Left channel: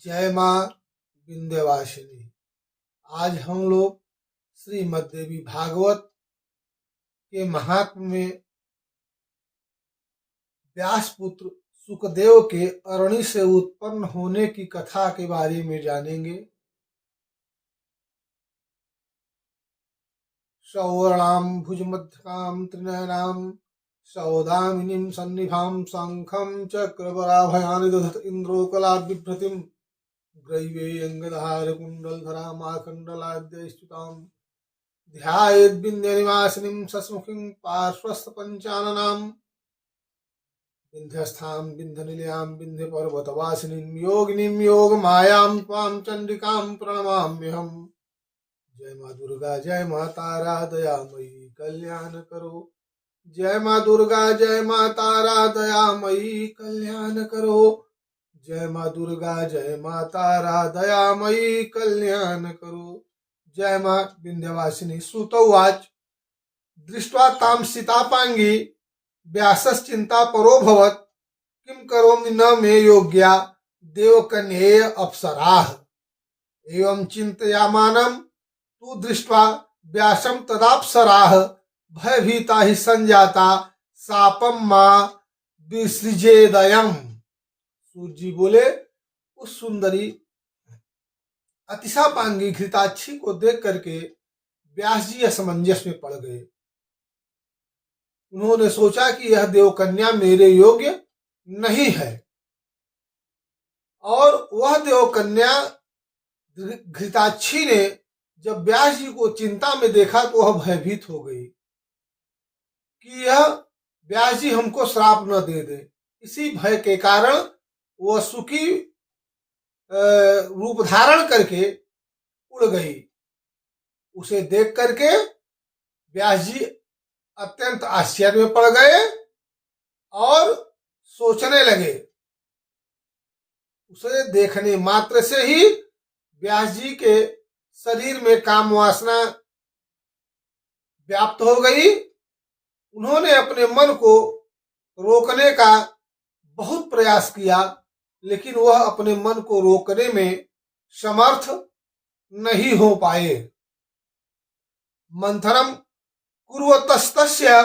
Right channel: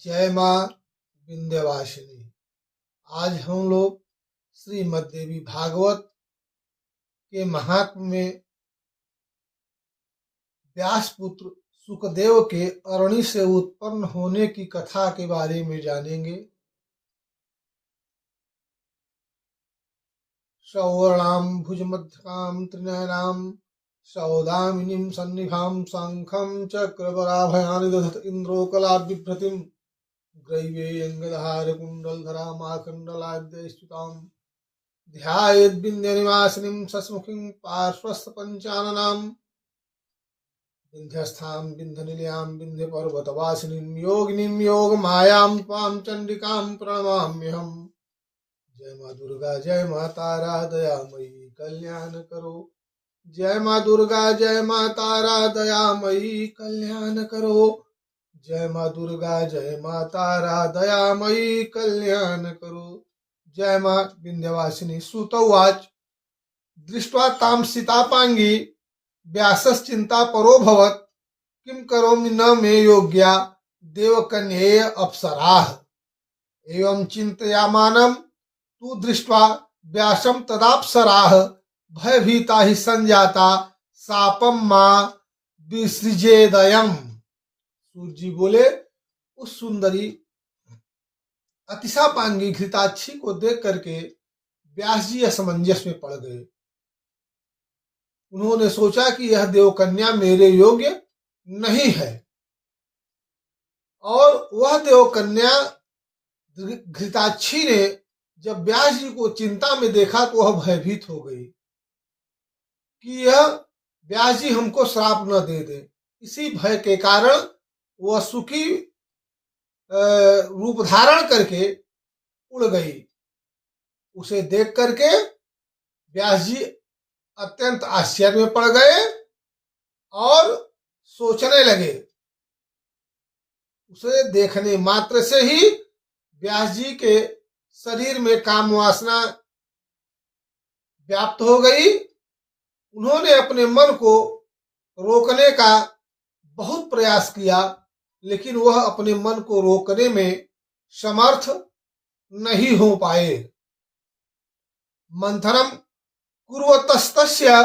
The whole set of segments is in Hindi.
जय माँ विंध्यवासिनी। आज हम लोग श्रीमद् देवी भागवत के महात्म्य में व्यासपुत्र सुखदेव के अरणी से उत्पन्न होने की कथा के बारे में जानेंगे। सौवर्णाम भुजमध्यकाम त्रिनयनाम सौदामिनीं सन्निभां शंखं चक्रवराभयानि दधत इंद्रो कलाद्बिभ्रतिं ग्रैवेयङ्गदहार कुण्डलधरामाखण्डलाद्यैस्तुतां ध्यायेद्विन्द्यनिवासिनीं सस्मुखीं पार्श्वस्थ पंचाननां विन्ध्यस्थां विन्ध्यनिलयां विन्ध्यपर्वतवासिनीं योगिनीं योगमायां त्वां चण्डिकां प्रणमाम्यहम्। जय माँ दुर्गा जय माँ तारा दयामयी कल्याण करो। जय माँ दुर्गा जय माँ तारा दयामयी कल्याण करो। जय माँ दुर्गा जय माँ तारा दयामयी कल्याण करो। जय माँ विंध्यवासिनी। सुतोवाच दृष्ट्वा तां सीतापांगी व्यासश्चिंता परोभवत् किं करोमि न मे योग्या देवकन्येय अप्सराः। एवं चिन्तयामानं तु दृष्ट्वा व्यासं तदाप्सराः भयभीता हि संजाता शापं मां विसृजेदयम्। सूर्य जी बोले, उस सुंदरी अतिशापांगी घृताक्षी को देख करके व्यास जी असमंजस में पड़ गए। उन्होंने सोचा कि यह देवकन्या मेरे योग्य नहीं है, और वह देवकन्या घृताक्षी ने जब व्यास जी को चिंता में देखा तो वह भयभीत हो गई कि यह व्यास जी हमको श्राप न दे दे। इसी भय के कारण वह सुखी रूप धारण करके उड़ गई। उसे देख करके व्यास जी अत्यंत आश्चर्य में पड़ गए और सोचने लगे। उसे देखने मात्र से ही व्यास जी के शरीर में काम वासना व्याप्त हो गई। उन्होंने अपने मन को रोकने का बहुत प्रयास किया, लेकिन वह अपने मन को रोकने में समर्थ नहीं हो पाए। मंथनम कुर्वतस्तस्य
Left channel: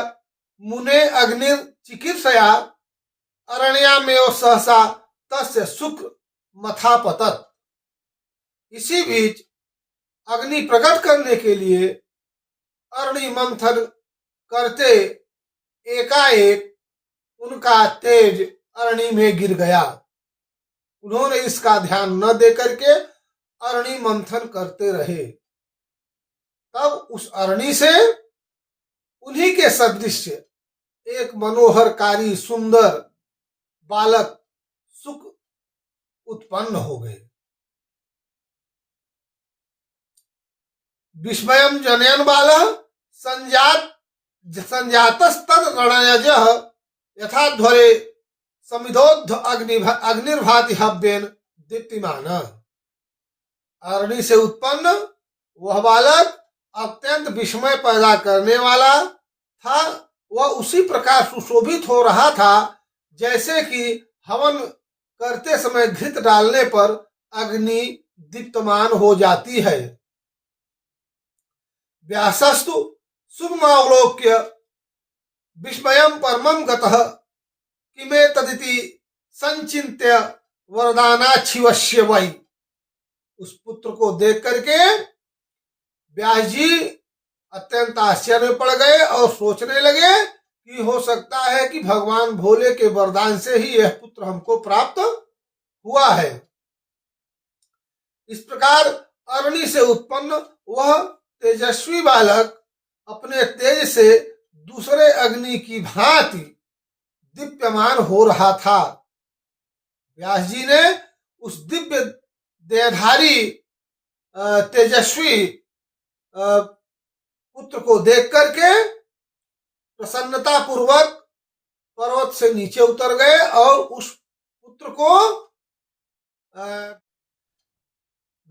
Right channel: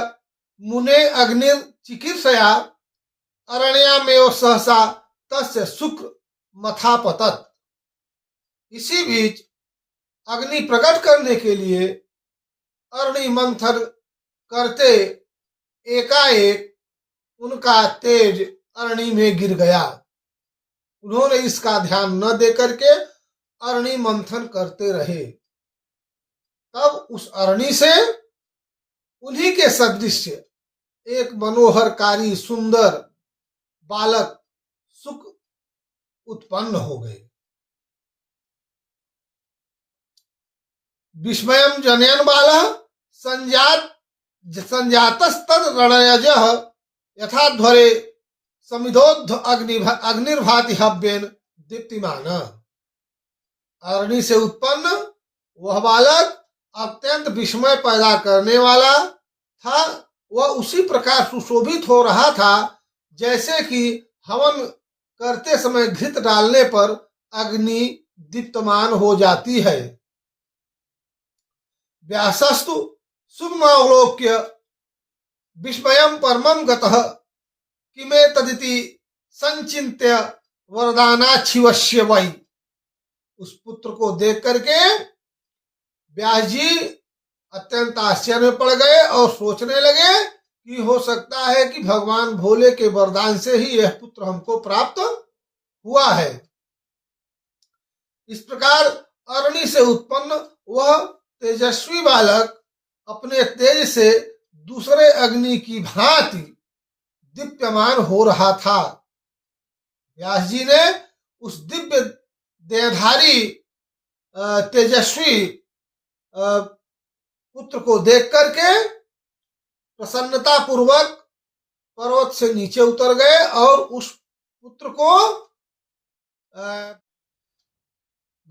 मुने अग्निर्चिकीर्षया अरण्यामेव सहसा तस्य शुक्र मथापतत्। इसी बीच अग्नि प्रकट करने के लिए अरणि मंथन करते एकाएक उनका तेज अरणि में गिर गया। उन्होंने इसका ध्यान न दे करके अरणि मंथन करते रहे। तब उस अरणि से उन्हीं के सदृश एक मनोहरकारी सुंदर बालक सुख उत्पन्न हो गए। विस्मयं जनयन् बालः संजातस्तद रणयजः यथाध्वरे समिधोद्ध अग्निर्भाति हव्येन दीप्तिमान। अरणि से उत्पन्न वह बालक अत्यंत विस्मय पैदा करने वाला था। वह उसी प्रकार सुशोभित हो रहा था जैसे कि हवन करते समय घृत डालने पर अग्नि दीप्तमान हो जाती है। व्यासस्तु सुगमावलोक्य विस्मयं परमं गतः किमेतदिति संचिन्त्य वरदानाच्छिवस्य वै। उस पुत्र को देख करके व्यास जी अत्यंत आश्चर्य में पड़ गए और सोचने लगे कि हो सकता है कि भगवान भोले के वरदान से ही यह पुत्र हमको प्राप्त हुआ है। इस प्रकार अरणि से उत्पन्न वह तेजस्वी बालक अपने तेज से दूसरे अग्नि की भांति दीप्यमान हो रहा था। व्यास जी ने उस दिव्य देहधारी तेजस्वी पुत्र को देख करके प्रसन्नता पूर्वक पर्वत से नीचे उतर गए और उस पुत्र को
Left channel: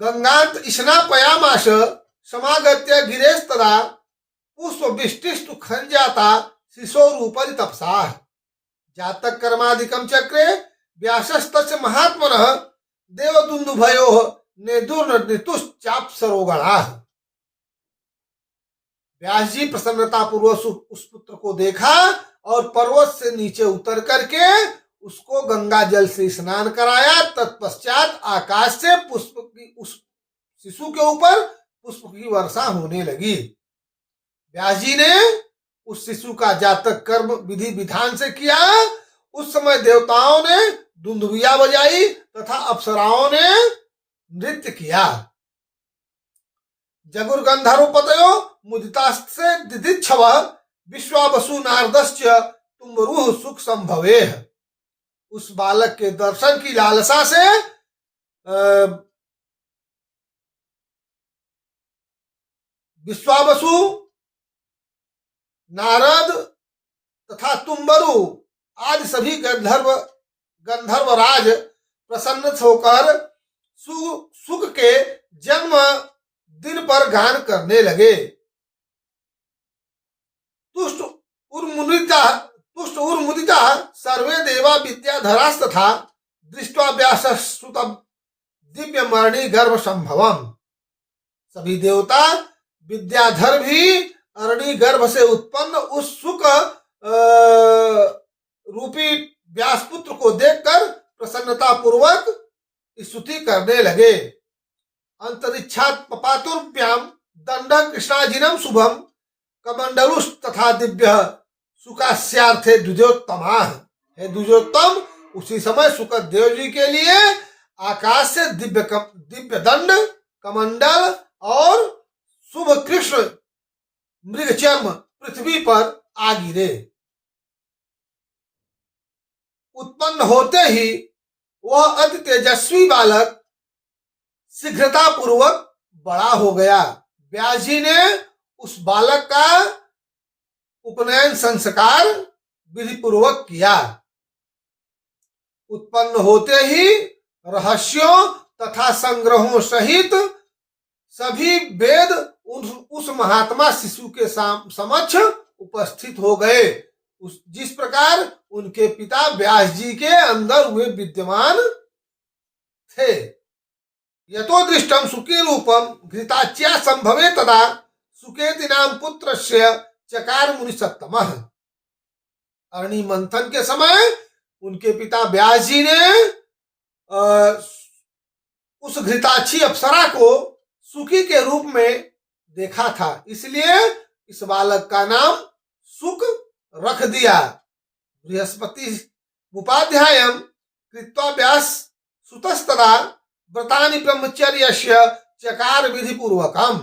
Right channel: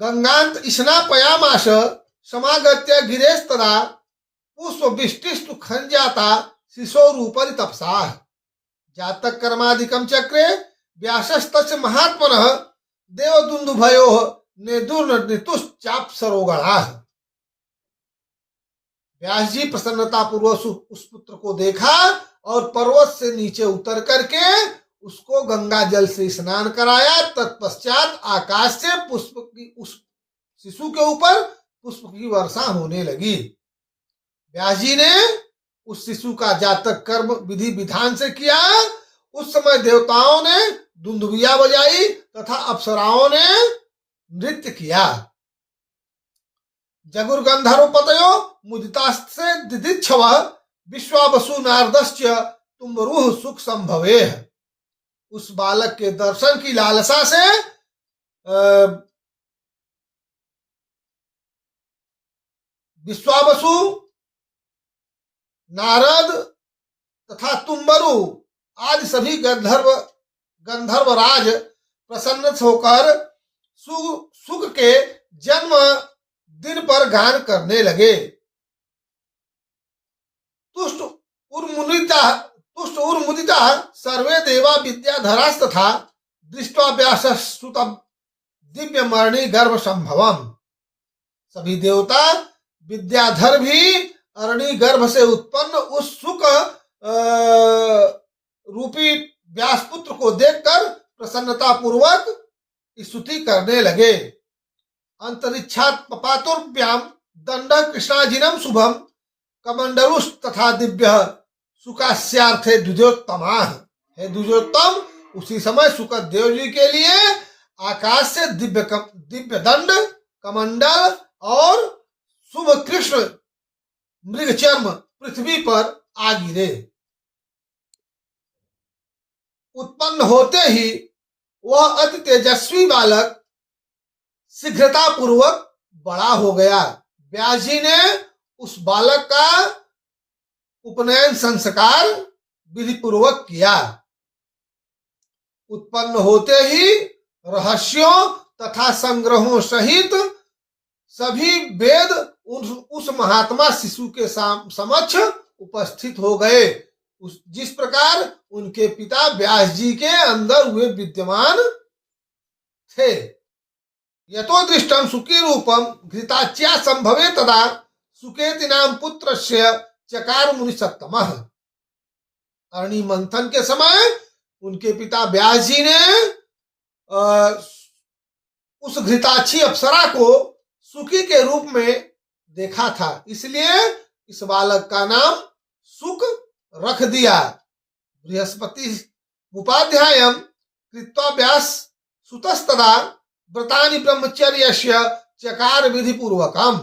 गंगांत स्नापयामास समागत्य गिरेस्तदा पुष्प विष्टिस्तु खंजाता शिशोरूपरि तपसा। जातक कर्मादिकं चक्रे व्यासस्तस्य महात्मनः देवदुन्दुभयोः नेदुर्नितुश्चाप सरोगणा। व्यास जी प्रसन्नता पूर्वक उस पुत्र को देखा और पर्वत से नीचे उतर करके उसको गंगा जल से स्नान कराया। तत्पश्चात आकाश से पुष्प की उस शिशु के ऊपर पुष्प की वर्षा होने लगी। व्यास जी ने उस शिशु का जातक कर्म विधि विधान से किया। उस समय देवताओं ने दुंदुभिया बजाई तथा अप्सराओं ने नृत्य किया। जगुर्गंधर्वपतयो मुदितास्ते दिदिच्छव विश्वावसु नारदश्च तुम्बरुः सुख संभवेह। उस बालक के दर्शन की लालसा से विश्वावसु, नारद तथा तुम्बरु आदि सभी गंधर्वराज प्रसन्न होकर सुख के जन्म दिन पर गान करने लगे। तुष्ट उर्मुदिता सर्वे देवा विद्याधरास्तथा दृष्ट्वा व्यासस्तुतं दिव्य मणि गर्भ संभवम। सभी देवता विद्याधर भी अरणि गर्भ से उत्पन्न उस सुख रूपी व्यासपुत्र को देखकर प्रसन्नता पूर्वक स्तुति करने लगे। अंतरिक्षात् पपातुर्भ्याम दंड कृष्णाजिनम शुभम कमंडलुष तथा दिव्य सुकास्यार्थे द्विजोत्तमा। हे द्विजोत्तम, उसी समय सुखदेव जी के लिए आकाश से दिव्य दंड, कमंडल और शुभ कृष्ण मृगचर्म पृथ्वी पर आ गिरे। उत्पन्न होते ही वह अति तेजस्वी बालक शीघ्रता पूर्वक बड़ा हो गया। व्यास जी ने उस बालक का उपनयन संस्कार विधि पूर्वक किया। उत्पन्न होते ही रहस्यों तथा संग्रहों सहित सभी वेद उस महात्मा शिशु के समक्ष उपस्थित हो गए। जिस प्रकार उनके पिता व्यास जी के अंदर वे विद्यमान थे। यतो दृष्टम सुखी रूपम घृताच्या संभवे तदा सुकेति नाम पुत्रस्य चकार मुनि सत्तमः। अरणि मंथन के समय उनके पिता व्यास जी ने उस घृताक्षी अप्सरा को सुखी के रूप में देखा था, इसलिए इस बालक का नाम सुख रख दिया। बृहस्पति उपाध्यायम कृत्वा व्यास सुतस्तदा व्रतानि ब्रह्मचर्यस्य चकार विधि पूर्वकम।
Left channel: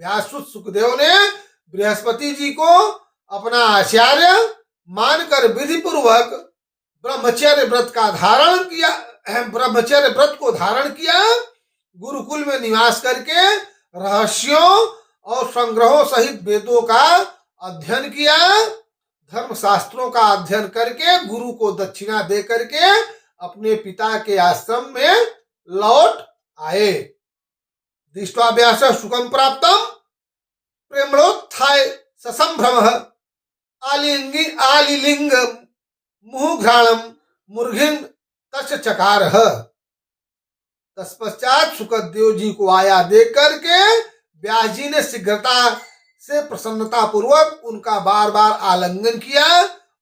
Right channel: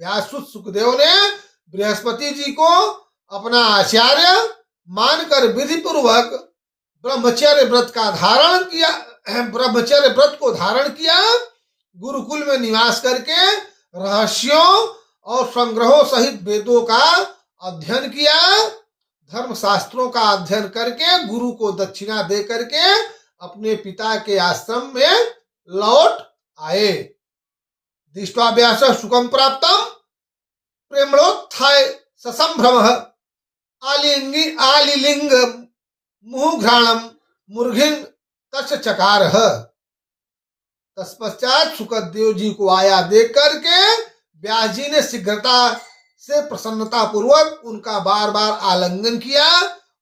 व्यासुत सुखदेव ने बृहस्पति जी को अपना आचार्य मानकर विधि पूर्वक ब्रह्मचर्य व्रत का धारण किया। ब्रह्मचर्य व्रत को धारण किया। गुरुकुल में निवास करके रहस्यों और संग्रहों सहित वेदों का अध्ययन किया। धर्म शास्त्रों का अध्ययन करके गुरु को दक्षिणा दे करके अपने पिता के आश्रम में लौट आए। दृष्ट्वा व्यास सुखम प्राप्तम प्रेमणोत्थाय ससंभ्रम आलिलिंग मुहुघ्राणम मुर्घिन तस् चकार। तत्पश्चात सुखदेव जी को आया देख करके व्यास जी ने शीघ्रता से प्रसन्नता पूर्वक उनका बार बार आलिंगन किया।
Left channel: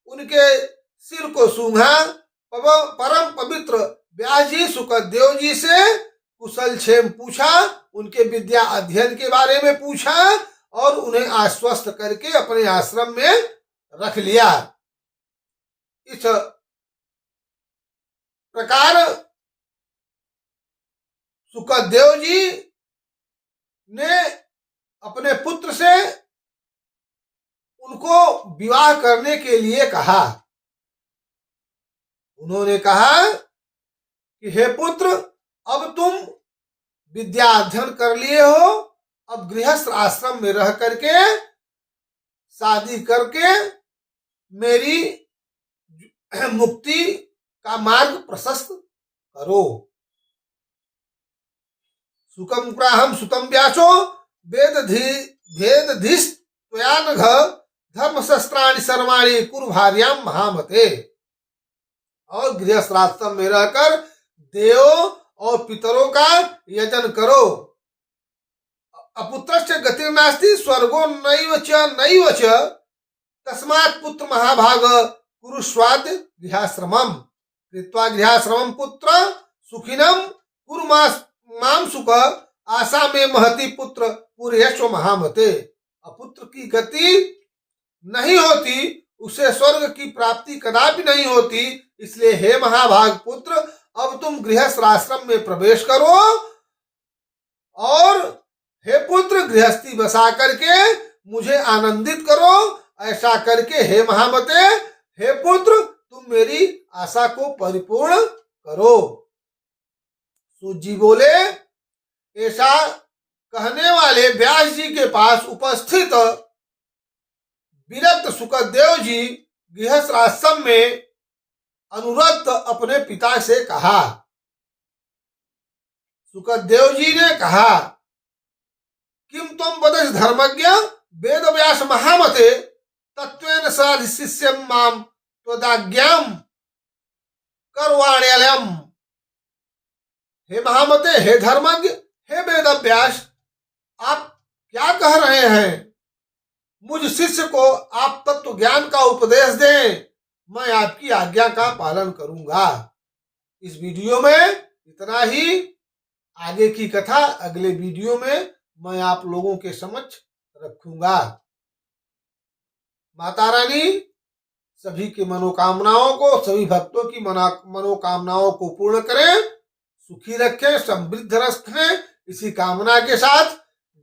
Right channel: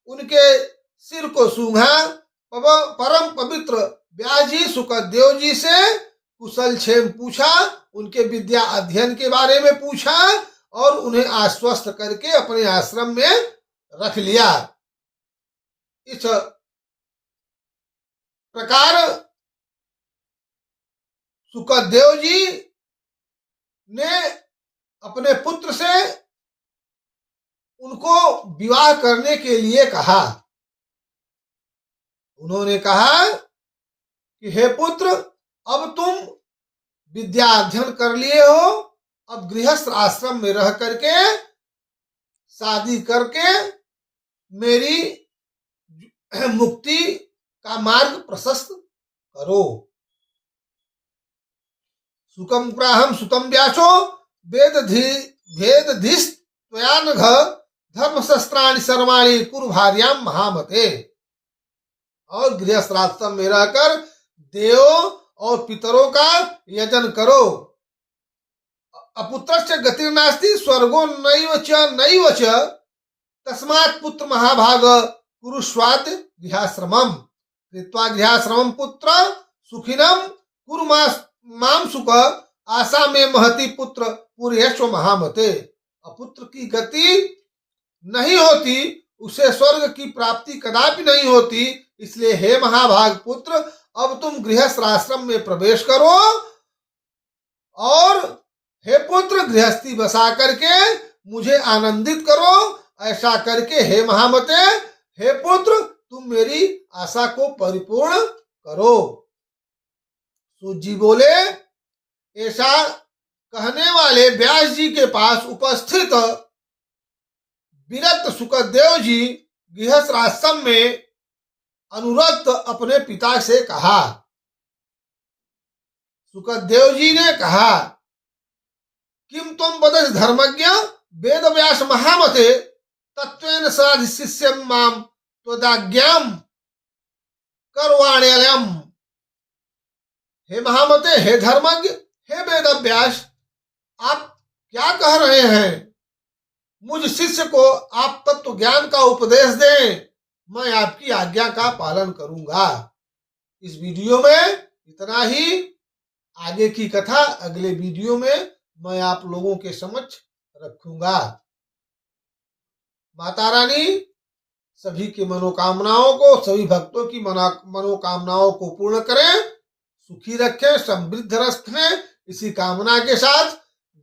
उनके सिर को सूंघा। परम पवित्र व्यास जी सुखदेव जी से कुशल क्षेम पूछा। उनके विद्या अध्ययन के बारे में पूछा और उन्हें आश्वस्त करके अपने आश्रम में रख लिया। इस प्रकार सुखदेव जी ने अपने पुत्र से उनको विवाह करने के लिए कहा। उन्होंने कहा कि हे पुत्र, अब तुम विद्या अध्ययन कर लिए हो, अब गृहस्थ आश्रम में रह करके शादी करके मेरी मुक्ति का मार्ग प्रशस्त करो। सुखम प्राहम सुतम व्यासो वेदधीश त्वयानघ धर्मशस्त्राणि सर्वाणि कुरु भार्याम महामते। और गृहस्थ आश्रम में रहकर देवों और पितरों का यजन करो। अपुत्रस्य गतिर्नास्ति स्वर्गो नैव च तस्मात् पुत्र महाभाग कुरुष्वाद गृहाश्रमम् कृत्वा गृहाश्रमम् पुत्र सुखिनम कुरु माम सुख आशा में महति पुत्र पूर्यस्व महामते। अपुत्र की गति नहीं होती, उसे स्वर्ग की प्राप्ति कदापि नहीं होती। इसलिए हे महाभाग पुत्र, अब तुम गृहस्थ आश्रम में प्रवेश करो और हे पुत्र गृहस्थी बसा करके मुझे आनंदित करो। ऐसा करके हे महामते, हे पुत्र, तुम मेरी आशा को परिपूर्ण करो। सूत जी बोले, ऐसा कहने वाले व्यास जी के पास उपस्थित विरक्त सुखदेव जी गृहस्थ आश्रम में अनुरक्त अपने पिता से कहा। सुखदेव जी ने कहा, किम त्वं वदसि धर्मज्ञ वेद व्यास महामते तत्वेन साधि शिष्यं माम त्वदाज्ञाम करवाण्यलयम्। हे महामते, हे धर्मज्ञ, हे वेद व्यास, आप क्या कह रहे हैं? मुझ शिष्य को आप तत्व ज्ञान का उपदेश दें, मैं आपकी आज्ञा का पालन करूंगा। इस वीडियो में इतना ही। आगे की कथा अगले वीडियो में मैं आप लोगों के समक्ष रखूंगा। माता रानी सभी की मनोकामनाओं को, सभी भक्तों की मनोकामनाओं को पूर्ण करें, सुखी रखें, समृद्ध रखें, इसी कामना के साथ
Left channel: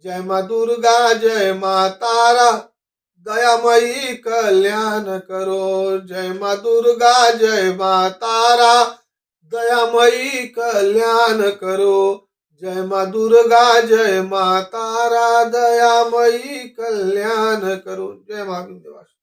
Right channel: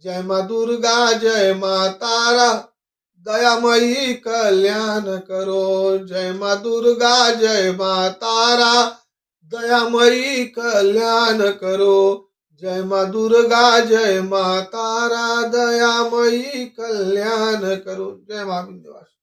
जय माँ दुर्गा, जय माँ तारा, दयामयी कल्याण करो। जय माँ दुर्गा, जय माँ तारा, दयामयी कल्याण करो। जय माँ दुर्गा, जय माँ तारा, दयामयी कल्याण करो। जय माँ विंध्यवासिनी।